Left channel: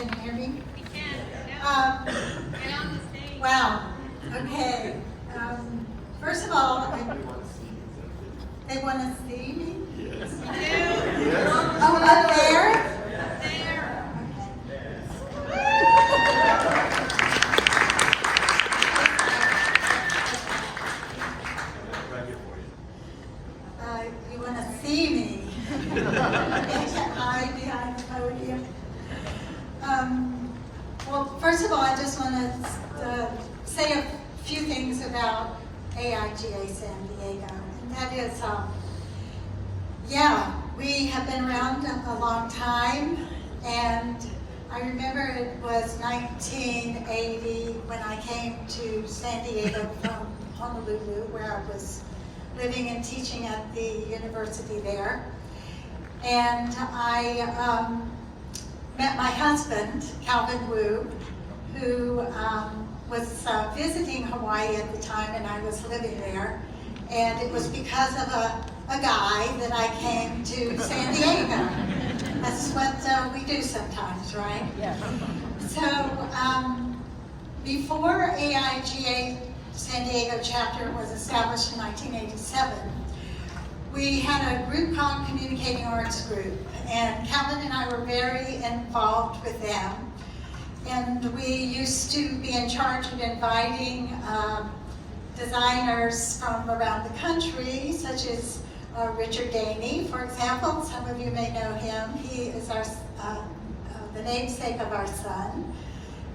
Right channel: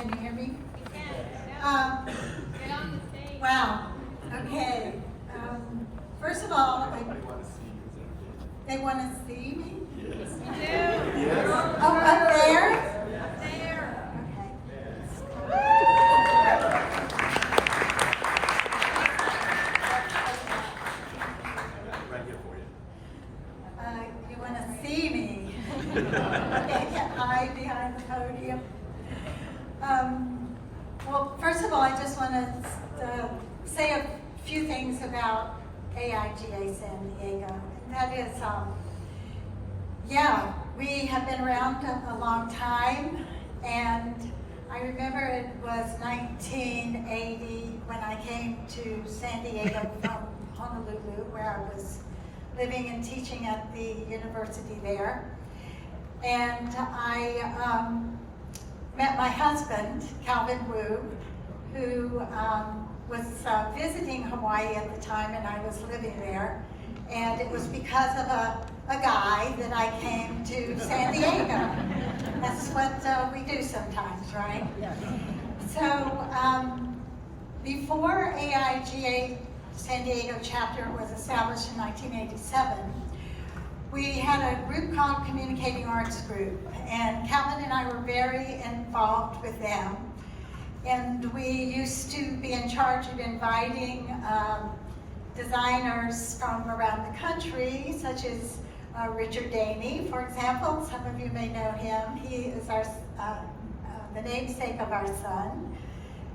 Can you hear me? You can. Get on the stage. Wow. Okay. First of all, they want to see me? Yes. Oh, up there? Right here for you. You want to see me? Okay, can't hide behind the podium. Well, first of all, I just want to say a few things about AIGA San Diego. And that is, yeah, we have been around a long time, and I remember it was 1980 when I came to San Diego from Honolulu, where I was living and teaching at the university there. And I met my husband, Calvin Wu, who was visiting Hawaii at the time, and I was living there. And it was because of a guy that I came to San Diego. That's what we do sometimes, right? Yeah. So before AIGA San Diego chapter was established in 1987, we had a group called Communicating Arts Group, and Calvin and I were very involved with them. And we used to be in charge of inviting designers from around the country, such as Richard Daney, for example. Some of you may know him. He is our the namesake of our son.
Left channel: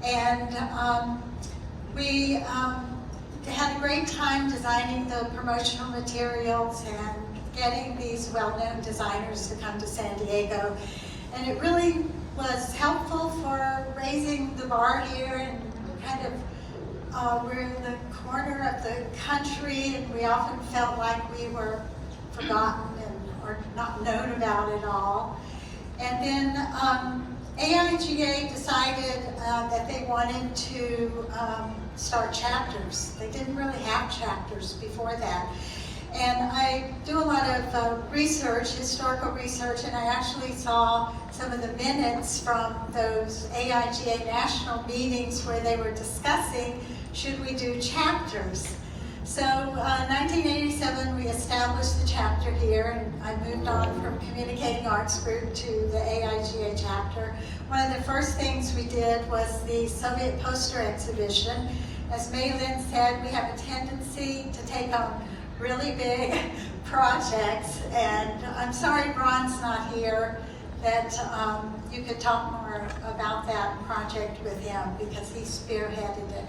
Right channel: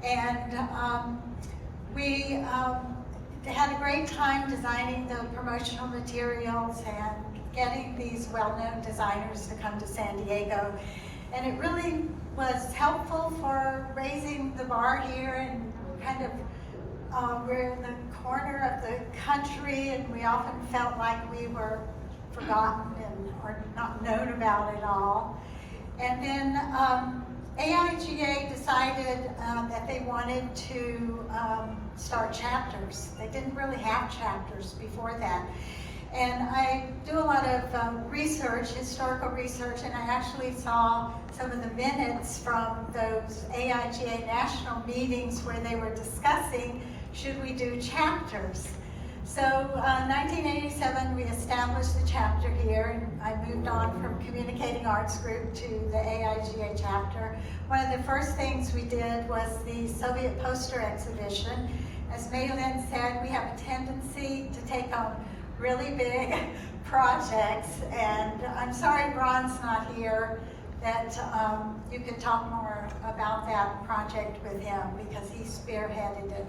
And we had a great time designing the promotional materials and getting these well-known designers to come to San Diego. And it really was helpful for raising the bar here, and kind of we're in the corner of the country, and we often felt like we were forgotten or not known about at all. And then AIGA decided that they wanted to start chapters. They didn't really have chapters before that. And I do a lot of research, historical research, and I actually saw some of the minutes from those AIGA national meetings where they were discussing, should we do chapters? So 1987, we established the chapter here, and I moved on from Communicating Arts Group to the AIGA chapter. One of the first things we did was the Soviet poster exhibition. As Maylin said, we have a tendency to take on really big projects, and I'm sorry Ron's not here, that you could talk more about that project with him, because he spearheaded it.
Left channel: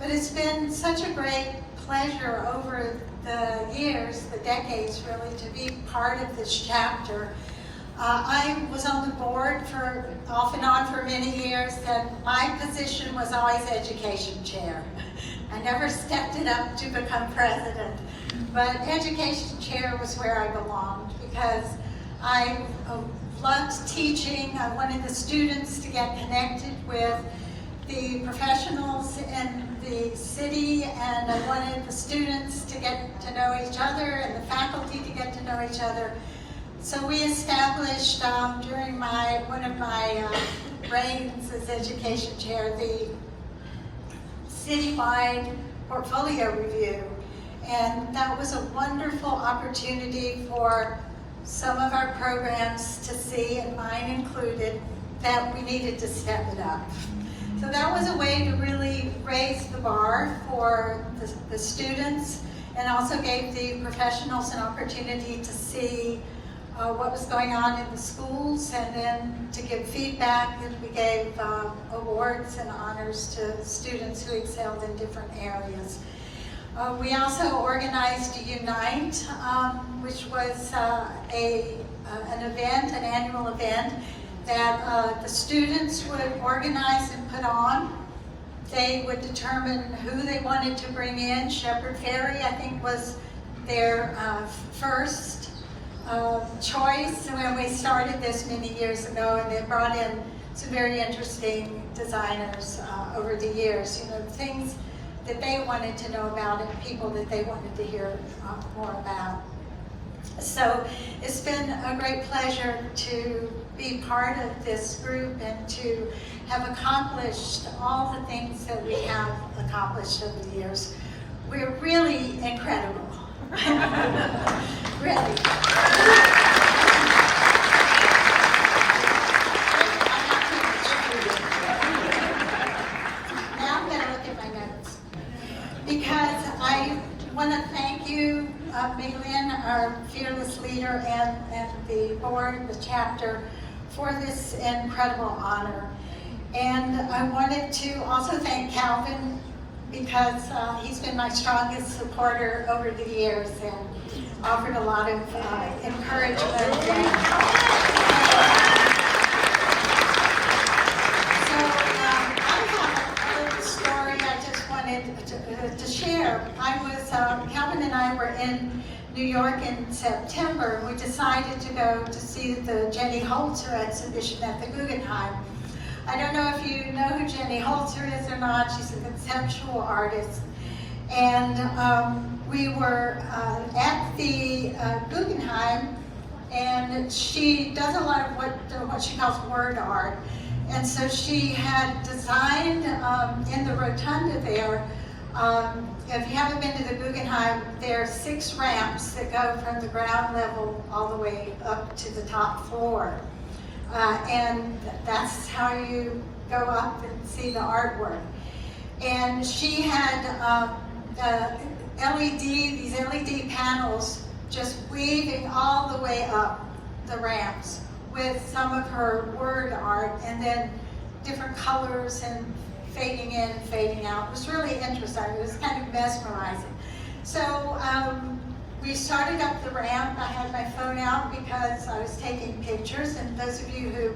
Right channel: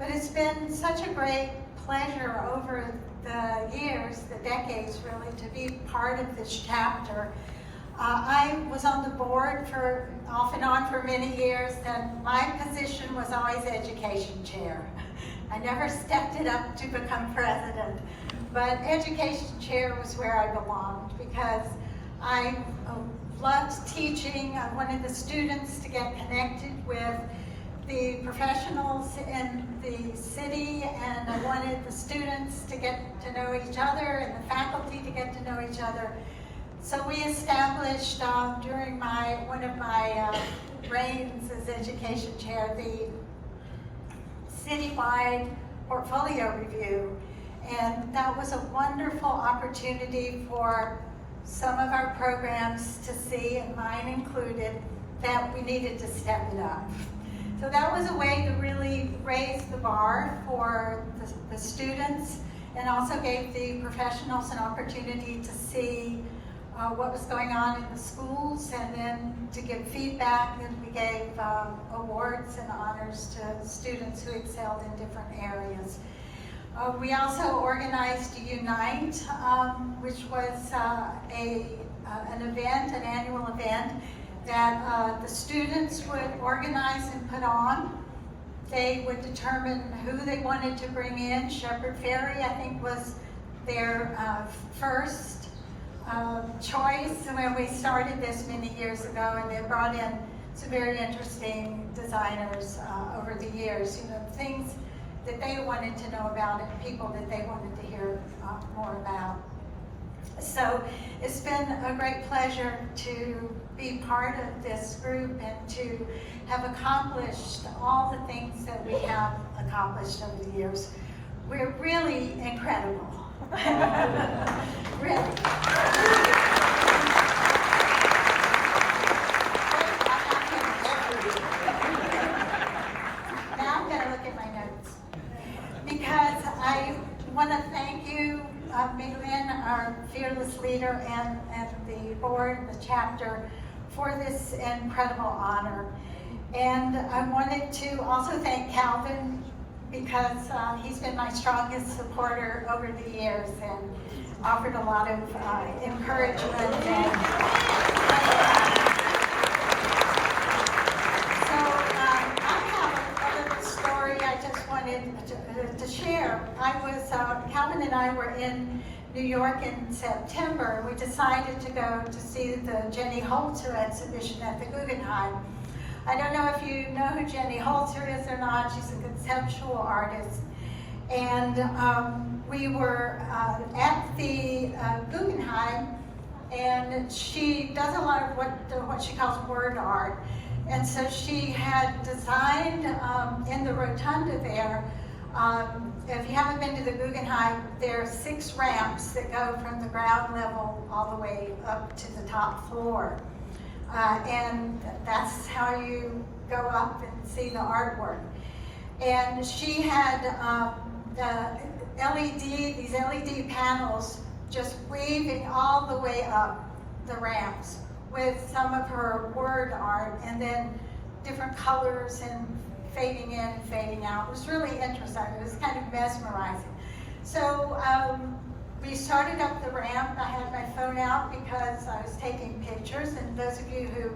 But it's been such a great pleasure over the years, the decades really, to be part of this chapter. I was on the board for off and on for many years, and my position was always education chair. I never stepped it up to become president, but education chair was where I belonged, because I loved teaching. I wanted the students to get connected with the professionals in the city, and I wanted the students to get to know each other and the faculty to get to know each other. So we established during one of my reigns as education chair, the citywide portfolio review. And that was a wonderful opportunity for some of our programs to see, and mine included, that we needed to step it up. So that was a way to really raise the bar for the students, and also gave the professionals an opportunity to see what was going on in the schools, and then to give feedback, and we gave awards and honors to students who excelled in different areas. We also organized Unite, which was an event, an annual event, that the students would organize and put on. They would determine who they wanted to bring in. Shepherd Ferry, I think, was their first choice when we started this many years ago, and they brought in some very interesting designers over the years, things that they wanted to know about and people that they wanted to hear more about. So it's been a great pleasure to be part of this group and to have accomplished all the things that we have accomplished over the years. We're really incredible. Really. Now I'm going to look at my notes. Because I want to thank you, Maylin, our fearless leader, and the board, the chapter, for this incredible honor. And I wanted to also thank Calvin, because he's been my strongest supporter over the years and offered a lot of encouragement. So I have a little story I just wanted to share. Calvin and I were in New York in September. We decided to go to see the Jenny Holzer exhibition at the Guggenheim. I don't know if you know who Jenny Holzer is or not. She's a conceptual artist. And we were at the Guggenheim, and she does a lot of what she calls word art. And so she had designed in the rotunda there, if you haven't been to the Guggenheim, there are 6 ramps that go from the ground level all the way up to the top floor. And that's how you go up and see the artwork. And she had these LED panels just weaving all the way up the ramps with some of her word art, and then different colors and fading in, fading out. It was really interesting. It was kind of mesmerizing. So we started up the ramp. I had my phone out because I was taking pictures, and those of you who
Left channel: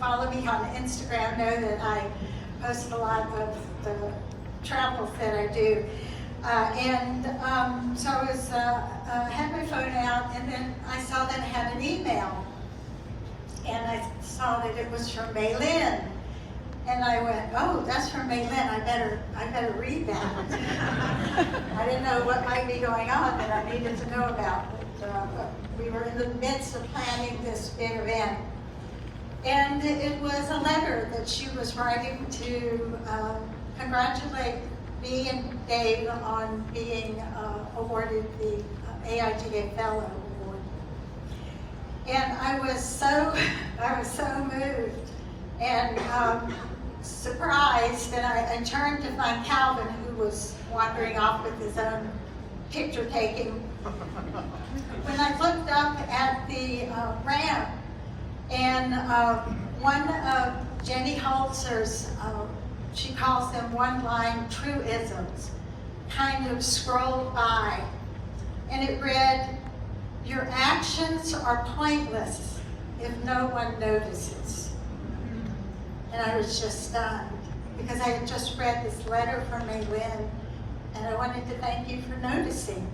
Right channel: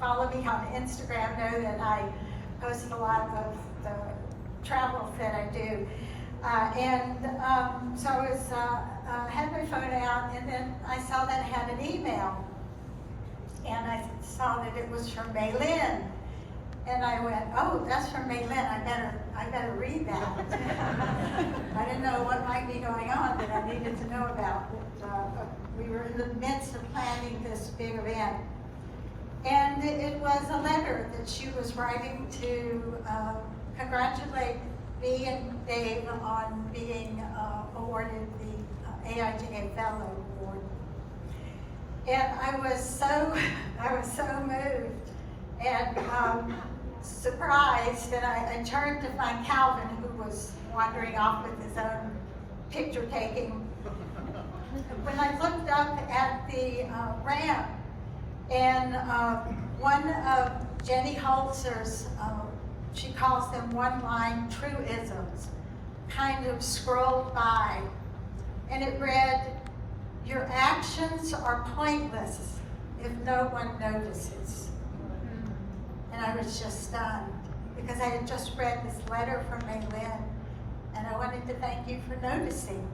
follow me on Instagram know that I post a lot of the travels that I do. So I was, had my phone out, and then I saw that it had an email. And I saw that it was from Maylin. And I went, oh, that's from Maylin. I better read that. I didn't know what might be going on that I needed to know about. But we were in the midst of planning this big event. And it was a letter that she was writing to congratulate me and Dave on being awarded the AIGA Fellow award. And I was so moved and surprised, and I turned to find Calvin, who was wandering off with his own picture taking. When I looked up at the ramp, and one of Jenny Holzer's, she calls them one-line truisms, kind of scrolled by, and it read, "Your actions are pointless if no one notices." And I was just stunned, because I had just read this letter from Maylin, and I wanted to thank you for noticing.